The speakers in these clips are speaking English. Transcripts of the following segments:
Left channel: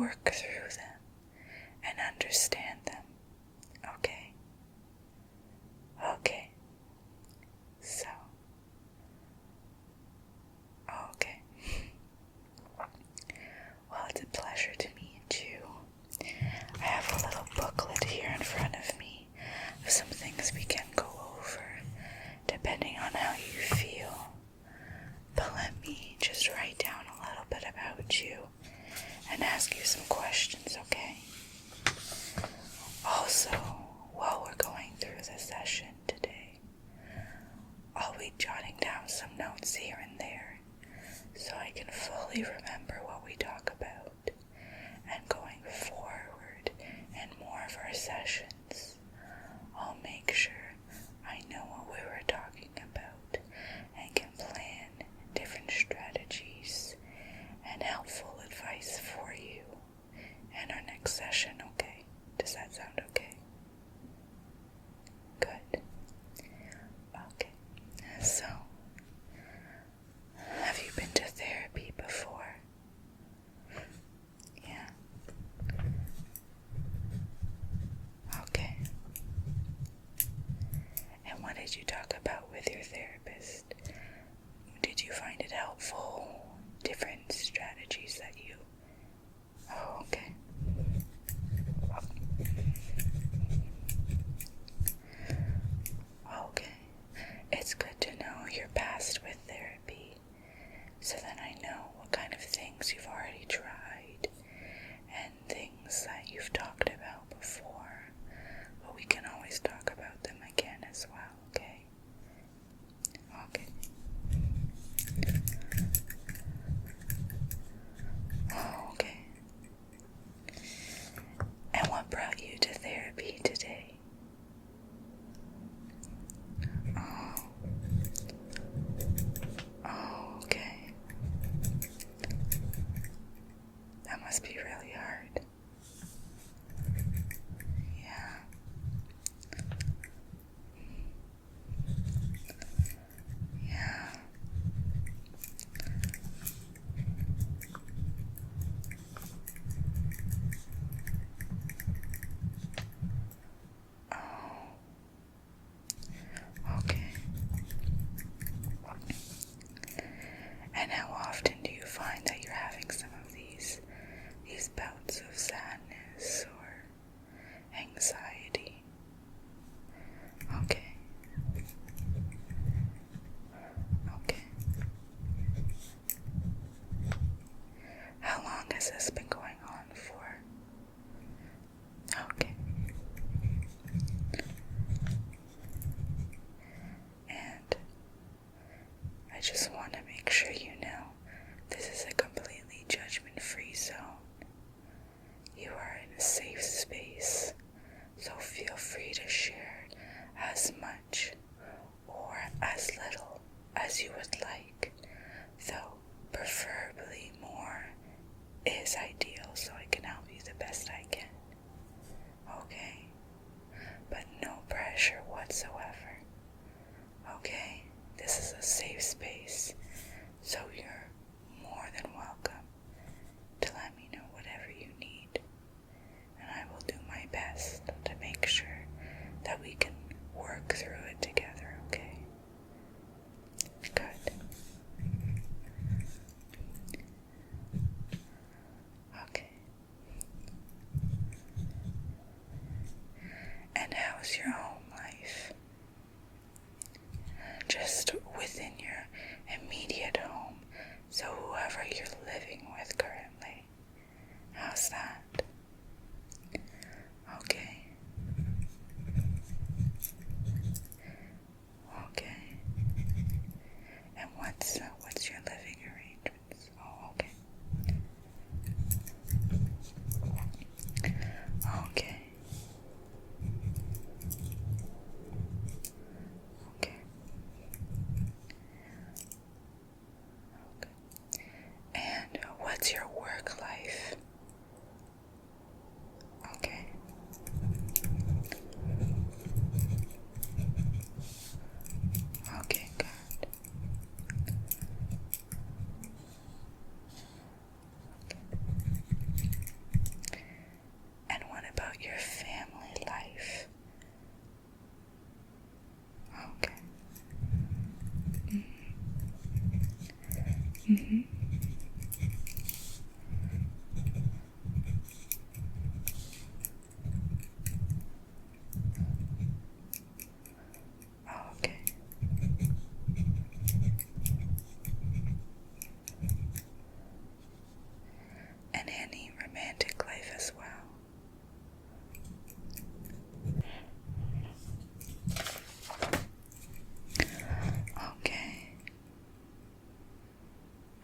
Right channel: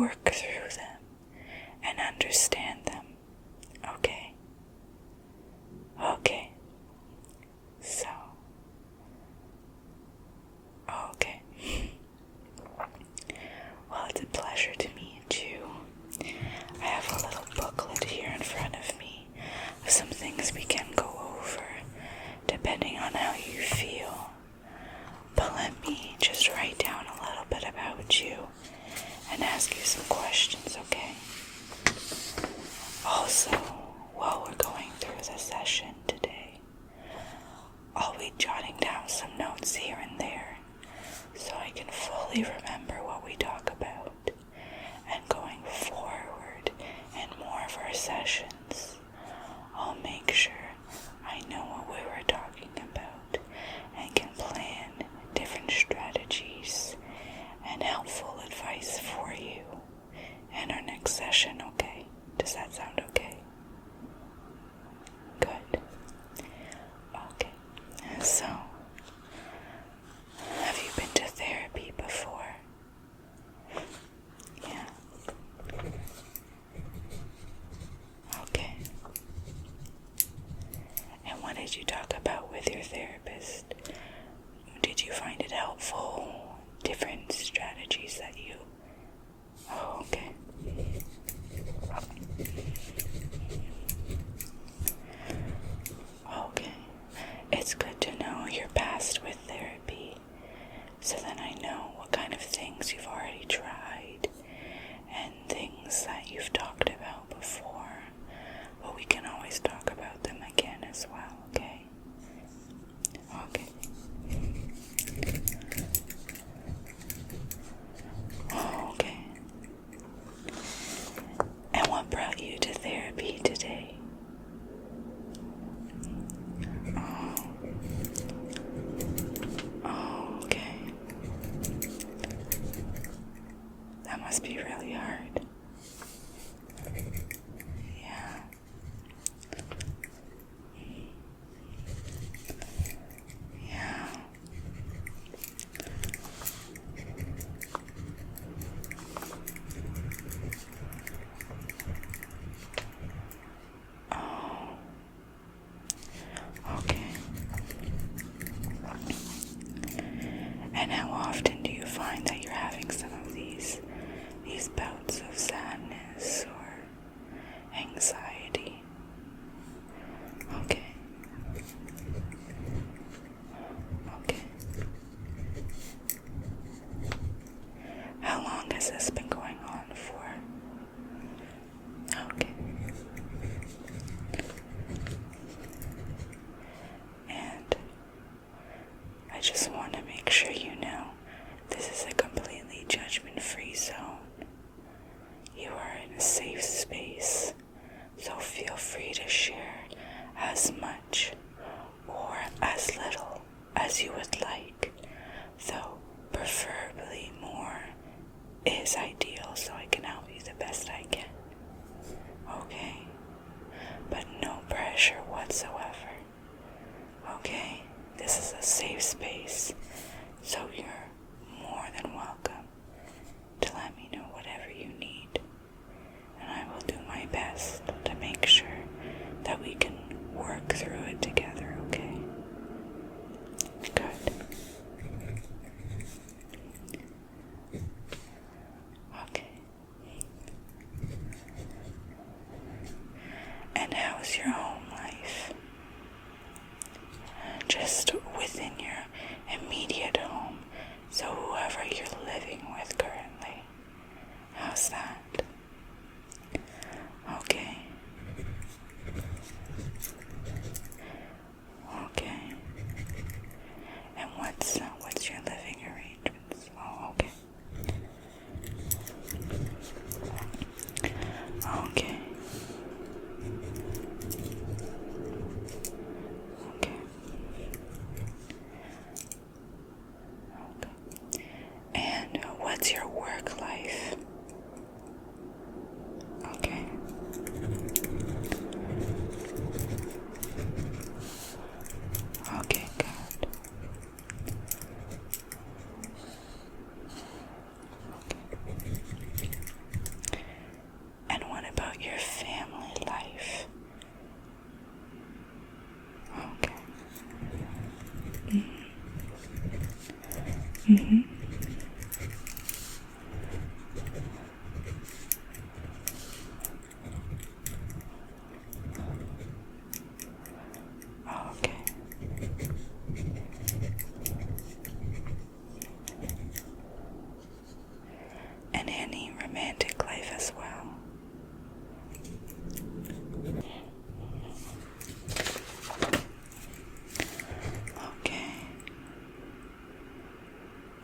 work through them and understand them. Okay? Okay. So. Okay. Well, it's a pleasure to meet you. I have a little booklet here in front of me of some things we can go over, depending on how you feel. But let me just write down a little bit about you and ask you some questions, okay? Also, while we're going through the session today, I'll be jotting down some notes here and there so I can fully remember what we talk about. And going forward in more of our sessions, I'll make sure I know what we were talking about and can plan different strategies and helpful advice for you in our next session, okay? Does that sound okay? Good. Okay. So, have you been to therapy before? Yeah. Okay. And what did you talk about with your therapist? Did you find it helpful? Different strategies that you... Oh, okay. Okay. It's good to know your past with therapy, so then I know what kind of things you've already tried and things that you've talked about before, but we can always talk about them again as well, okay? Okay. Okay. And what brought you to therapy today? Oh, okay. That must be really hard. Yeah. Yeah. Oh. Okay. And how often do you find that you're having some of these bouts of sadness or anxiety? Okay. Okay. How long has this been going on for? Okay. And I just want to make sure you know this is a completely judgment-free zone. You are in a safe space, so feel free to share as much or as little as you would like, though preferably more is ideal so I can help you the best I can. Okay? But no pressure whatsoever. Okay? This is a safe space, so you're more than welcome to let me know whatever you need, and I will do my best to make sure that we can work through it together, okay? Good. Okay. And how's your home life? Just within your immediate home, Mm-hmm. Okay. And any romantic life as well. Okay.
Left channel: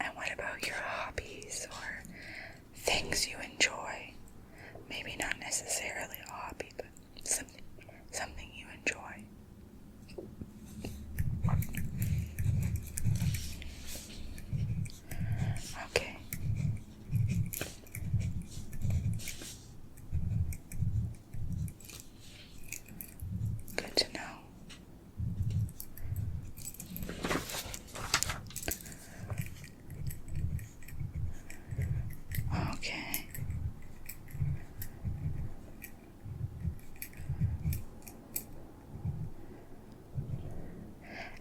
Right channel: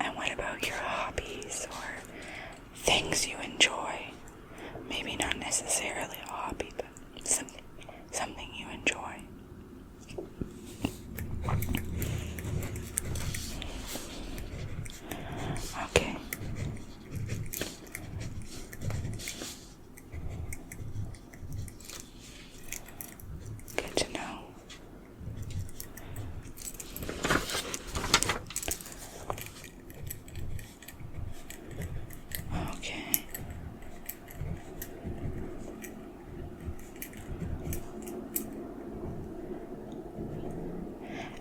And what about your hobbies or things you enjoy? Maybe not necessarily a hobby, but something you enjoy. Okay. Good to know. Okay.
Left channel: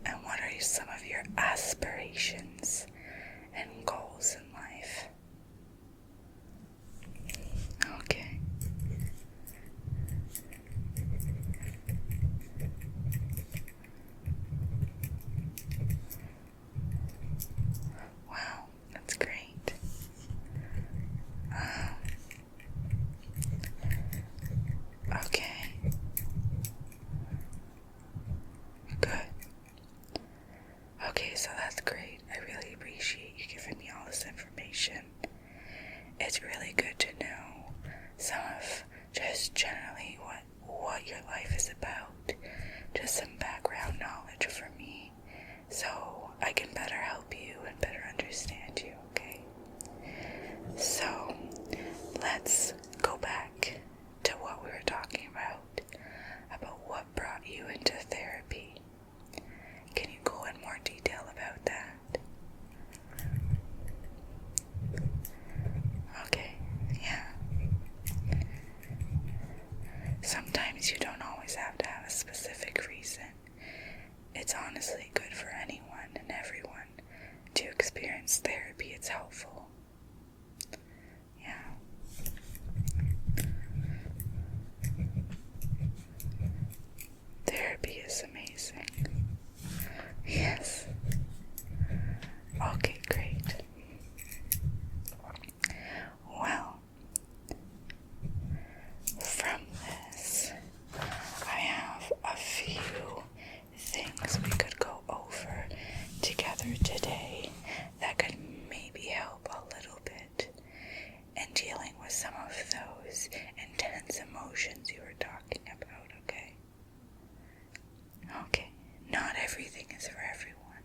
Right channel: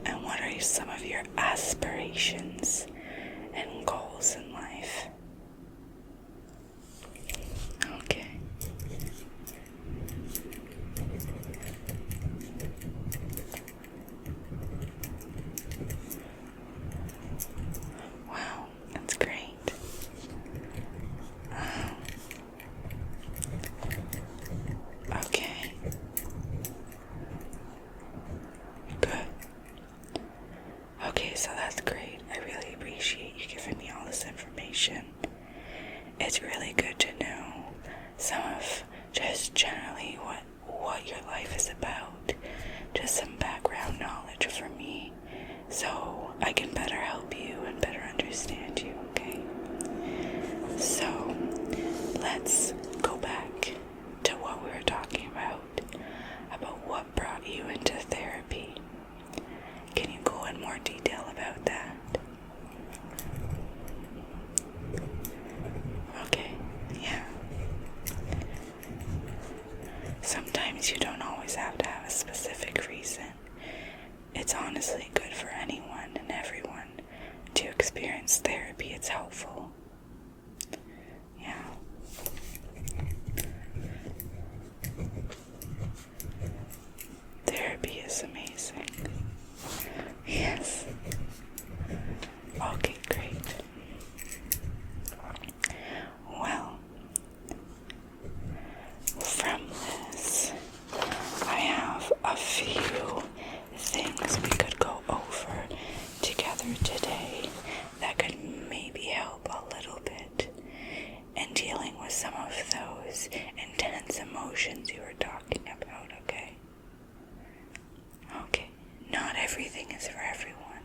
And what are some of your aspirations and goals in life? Okay. Wow, that's great. Okay. Good. Okay, so that's great. I really appreciate you giving me all this information. It's really good to know some of just generally what your life is about. Just some background knowledge for me so I can better help you and better understand you, okay? So, let's go back to what we were talking about what brought you into therapy. Can you go in more detail about that? Okay, yeah. Sometimes you don't always have to have a specific reason. It's honestly good for anyone and everyone to experience therapy. It's helpful. Yeah. Therapy is amazing. Yes. Okay, great. Well, from this, I have a few things we could go over together today that could maybe help a little bit in dealing with some of those intense emotions you were talking about, okay? Okay, not everything is for everyone,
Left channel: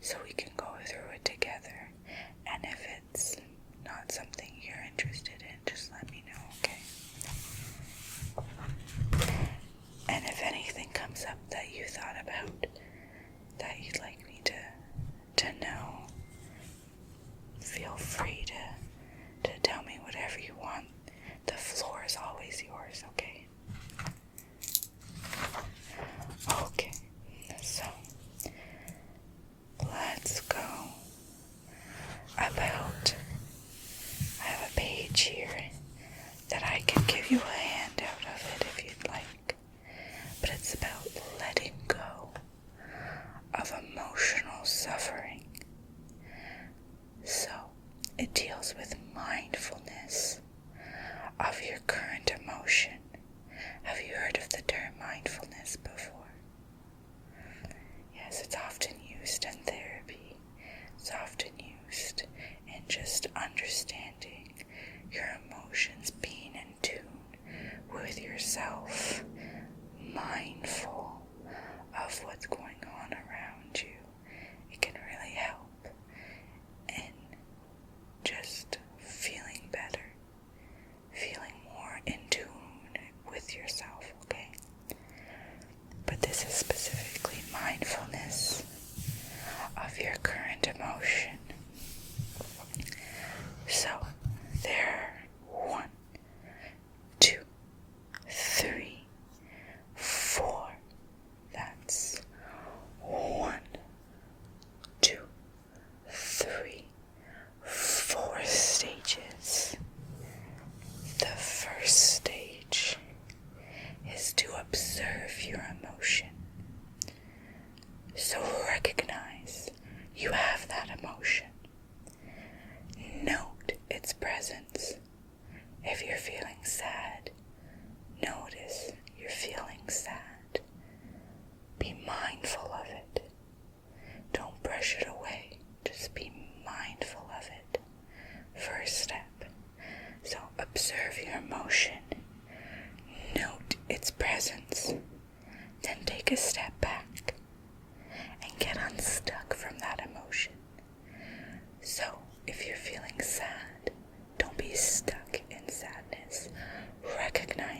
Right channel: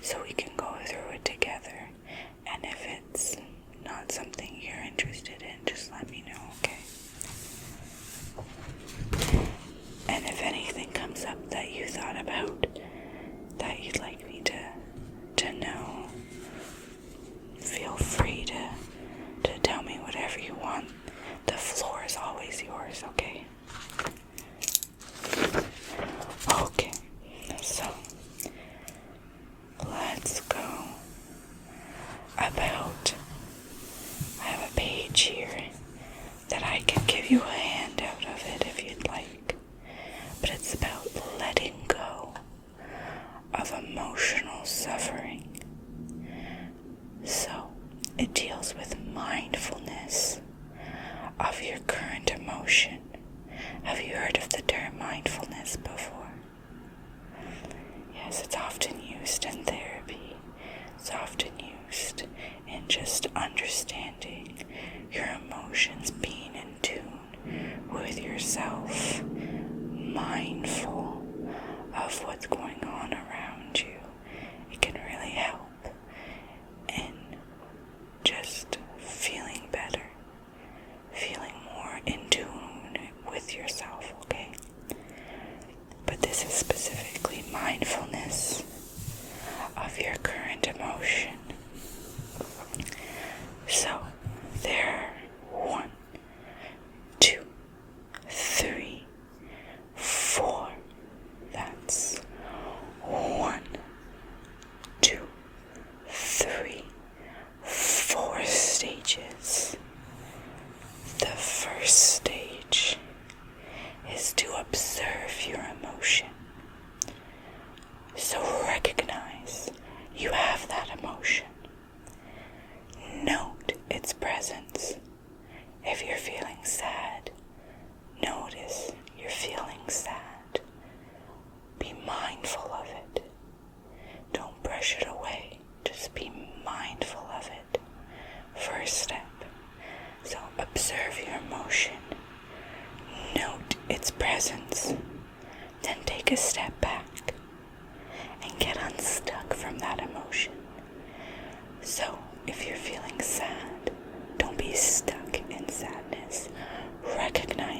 so we can go through it together, and if it's not something you're interested in, just let me know, okay? And if anything comes up that you thought about that you'd like me to know, feel free to tell me whatever you want. The floor is always yours, okay? Okay, so let's go about, I have a page here that I can give you a handout of it if you'd like, but it's about letting go of emotional suffering. So it deals with mindfulness of your current emotion. Have you heard of the term mindfulness before? Yes, it's often used in therapy. It's often used in just understanding your emotions, being in tune with yourself, mindful of what's going on around you. It can really help in just feeling better, feeling more in tune with yourself, okay? But this is specifically mindfulness of your current emotion. So, there are 1, 2, 3, 4. That's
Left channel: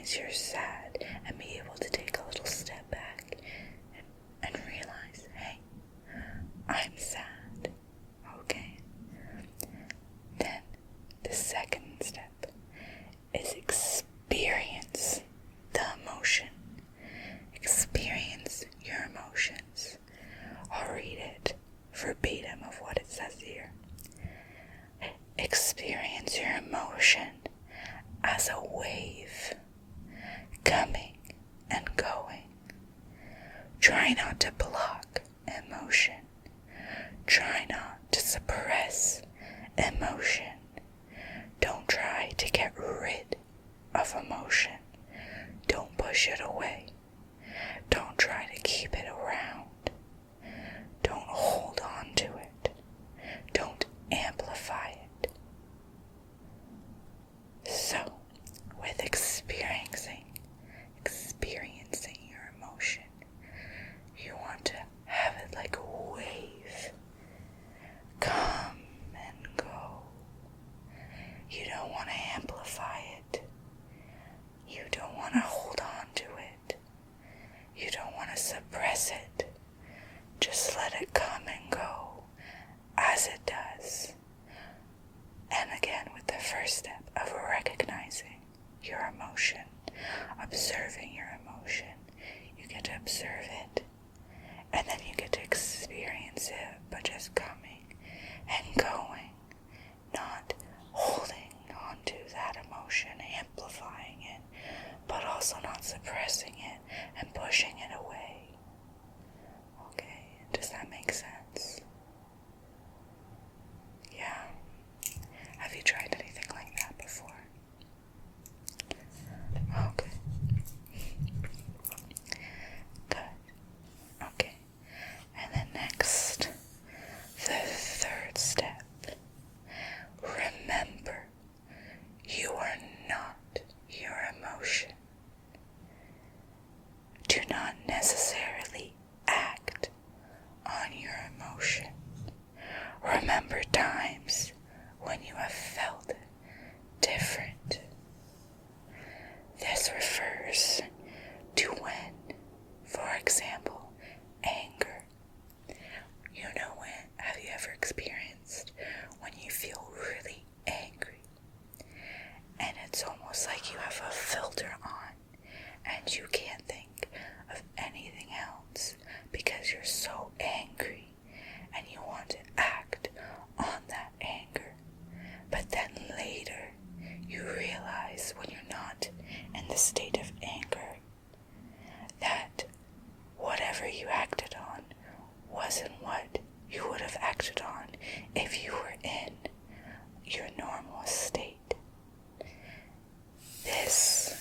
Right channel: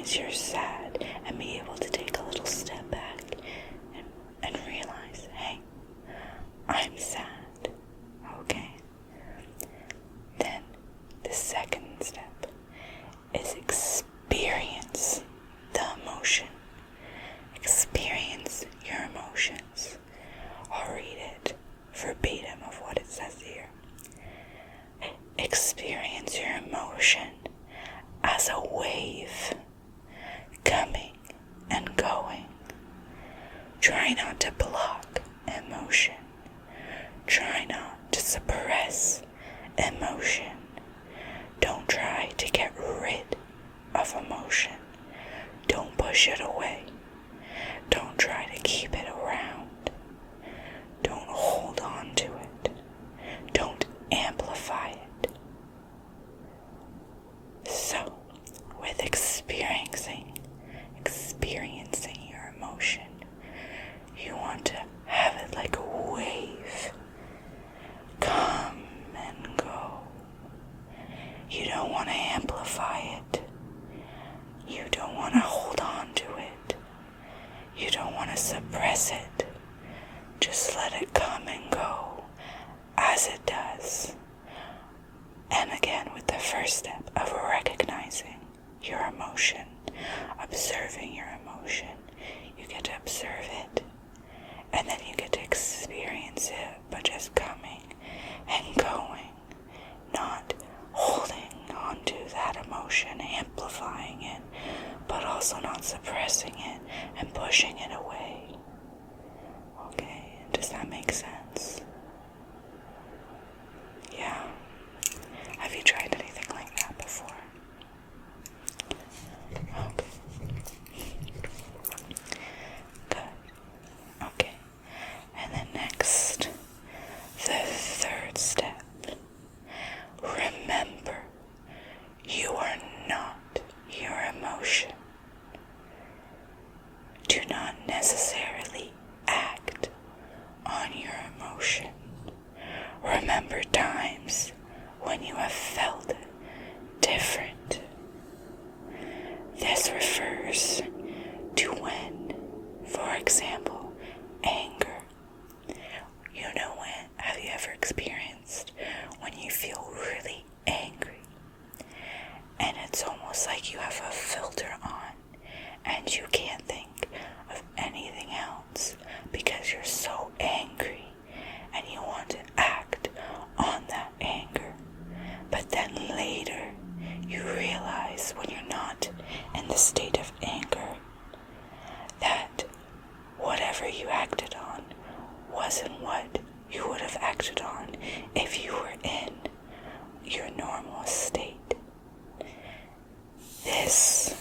experience you're sad and be able to take a little step back and realize, hey, I'm sad, okay? Then the second step is experience the emotion. Experience your emotions. I'll read it verbatim of what it says here. Experience your emotion as a wave coming and going. Try not to block emotion. Try not to suppress emotion. Don't try to get rid of emotion. Don't push it away. Don't try to keep it around. Don't hold on to it. Don't amplify it. So, with experiencing your emotion, you want to have it like a wave. Come and go. You don't want to amplify it. You don't want to hold on to it. You don't want to suppress it. Just let it come and go as it does. And again, with the first step of recognizing your emotion, observing your emotion, you get to observe it, and then you get to experience it, but just coming and going, not holding on to that emotion, amplifying it, but also not suppressing it and pushing it away. Okay, does that make sense? Yeah. Have you tried anything like that before? Okay. Good. Okay. And then next, the third step. Remember, you are not your emotion. Do not necessarily act on your emotion. Remember times when you have felt different. This refers to when, for example, anger. You know when, have you ever experienced when you feel really angry and it's almost like you have a filter on and you can't think of anything else because you're so angry and you want to act on that anger, but then later you realize when you're not in the state of anger that whatever you acted on wasn't what you would have acted on if you were in your normal state. This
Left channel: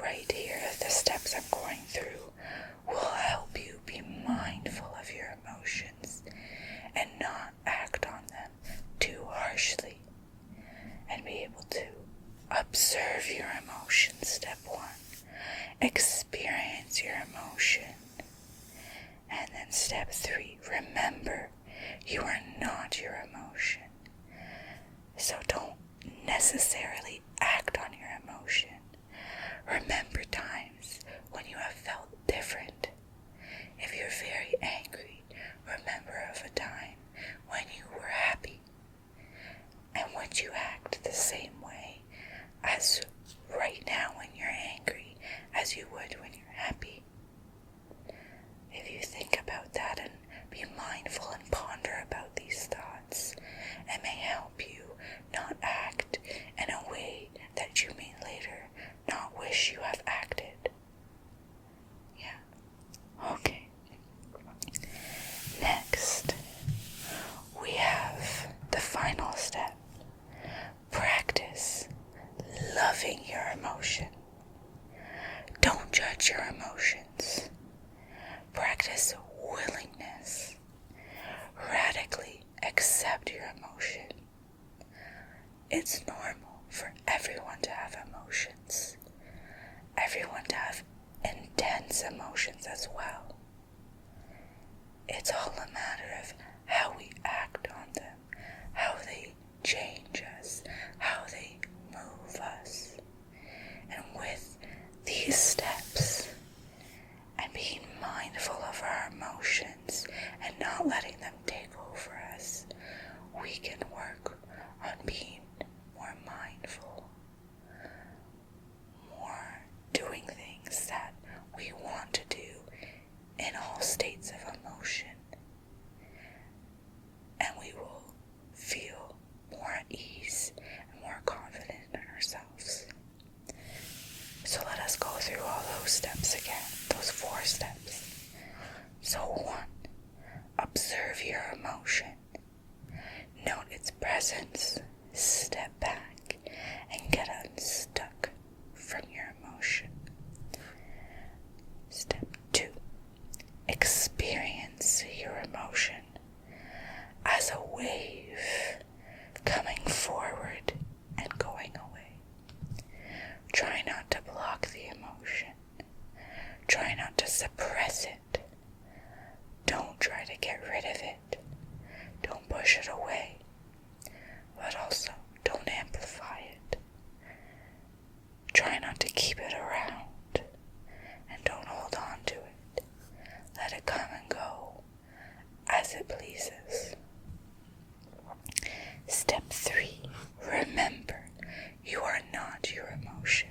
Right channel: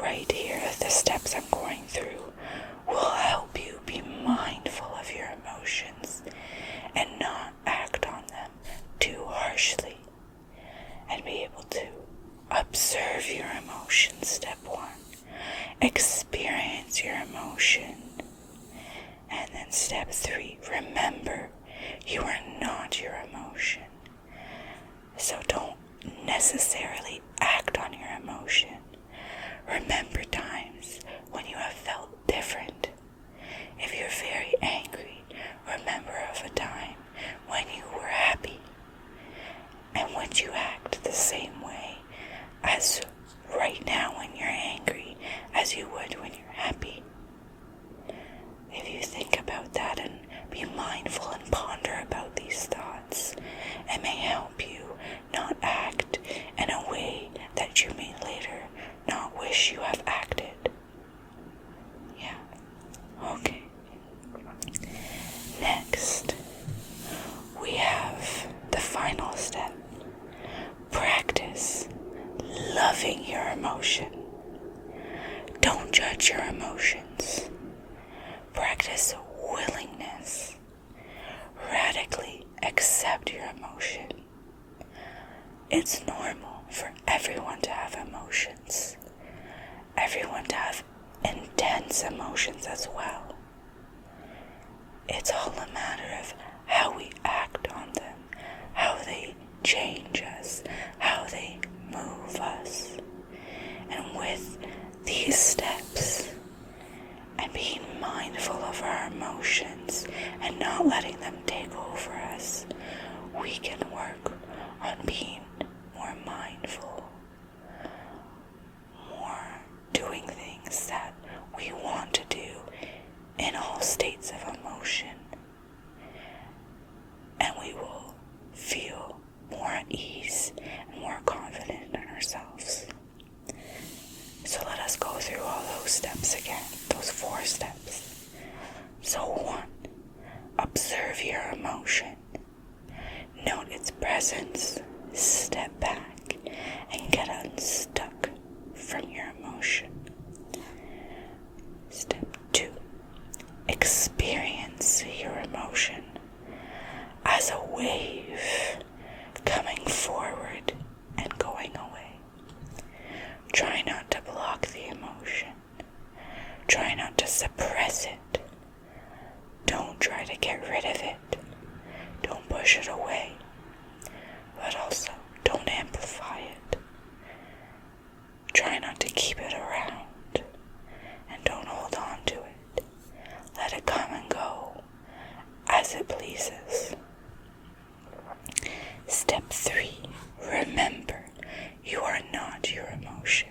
right here, the steps I'm going through, will help you be mindful of your emotions and not act on them too harshly, and be able to observe your emotions. Step 1, experience your emotion. And then step 3, remember you are not your emotion. So don't necessarily act on your emotion. Remember times when you have felt different. If you're very angry, remember of a time when you were happy. And would you act the same way as right now when you're angry as you would when you're happy? If you think about that and be mindful and ponder about these thoughts, it may help you not act in a way that you may later not wish you have acted. Yeah. Okay. Next, we have the final step. Practice loving your emotion. Don't judge your emotions. Practice willingness. Radically accept your emotion. It's normal for everyone to have emotions. Everyone to have intense emotions as well. It's all a matter of how we act on them, how they change us, how they move us. And step back and get unstuck from your emotion. Step 2, experience your emotion as a wave coming forward and going away. Try not to block the emotion. Try not to suppress it. Don't try to get rid of it. Don't push it away. But also, don't amplify it. Try not to keep it around. And don't hold on to it. Let it come and go as it pleases. Step 3, remember, you are not your emotion.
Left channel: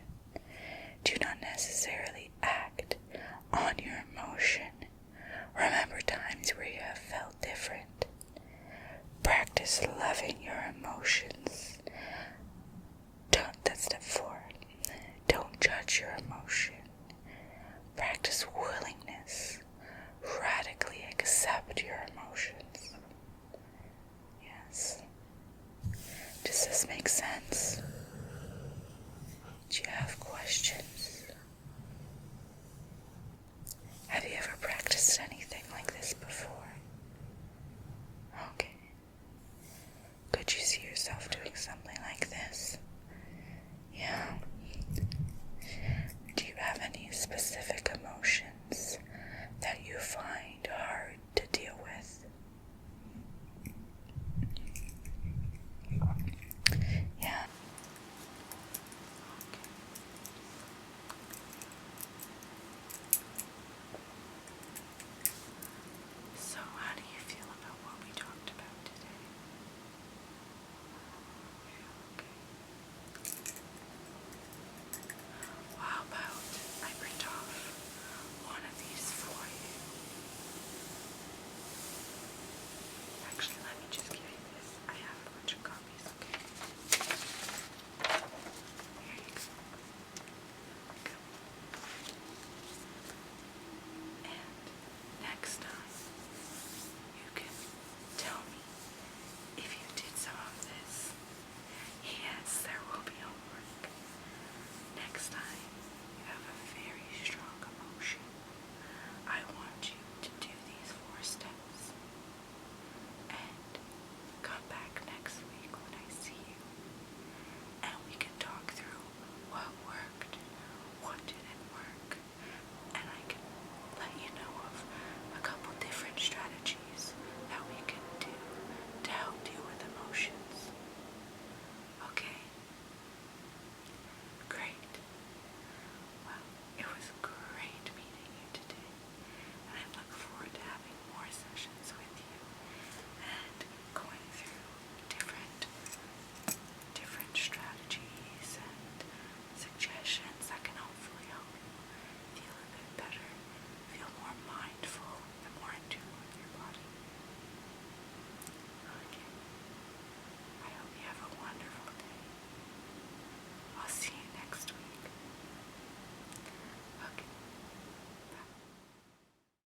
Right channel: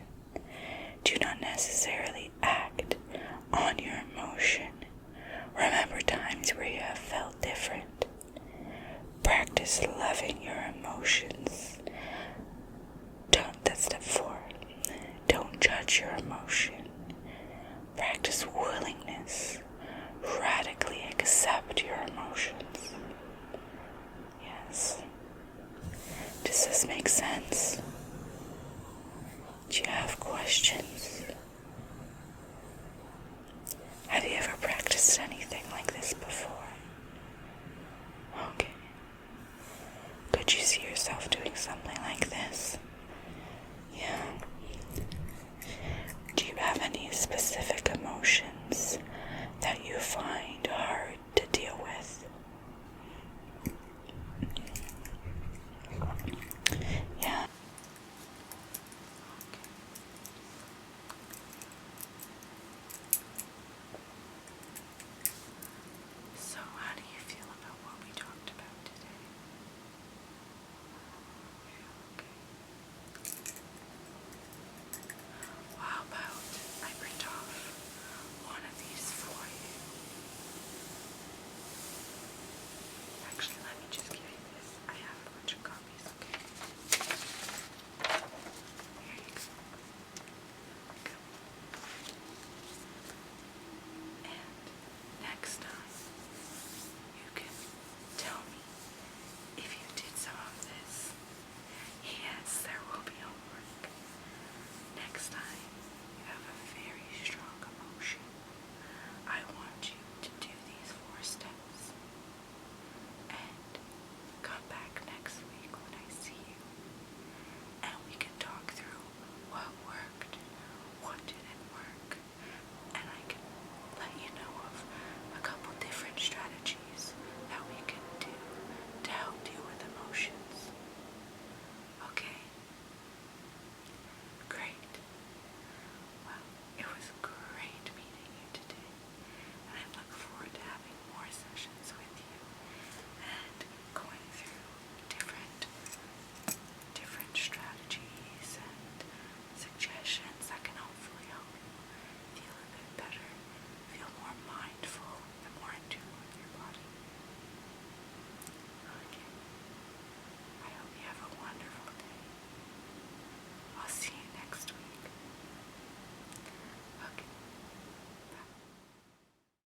Do not necessarily act on your emotion. Remember times where you have felt different. Practice loving your emotions. That's step 4. Don't judge your emotion. Practice willingness. Radically accept your emotions. Yes. Does this make sense? Do you have questions? Have you ever practiced anything like this before? Okay. Could you see yourself doing something like this? Yeah. Do you have any specific emotions that you find hard to deal with? Yeah. So, how do you feel about what we talked about today? How about I print off one of these for you? Actually, let me just give you this. I have a bunch of copies, okay? Here you go. And next time, you can tell me if you did some of this. Yes, there will be homework. Next time,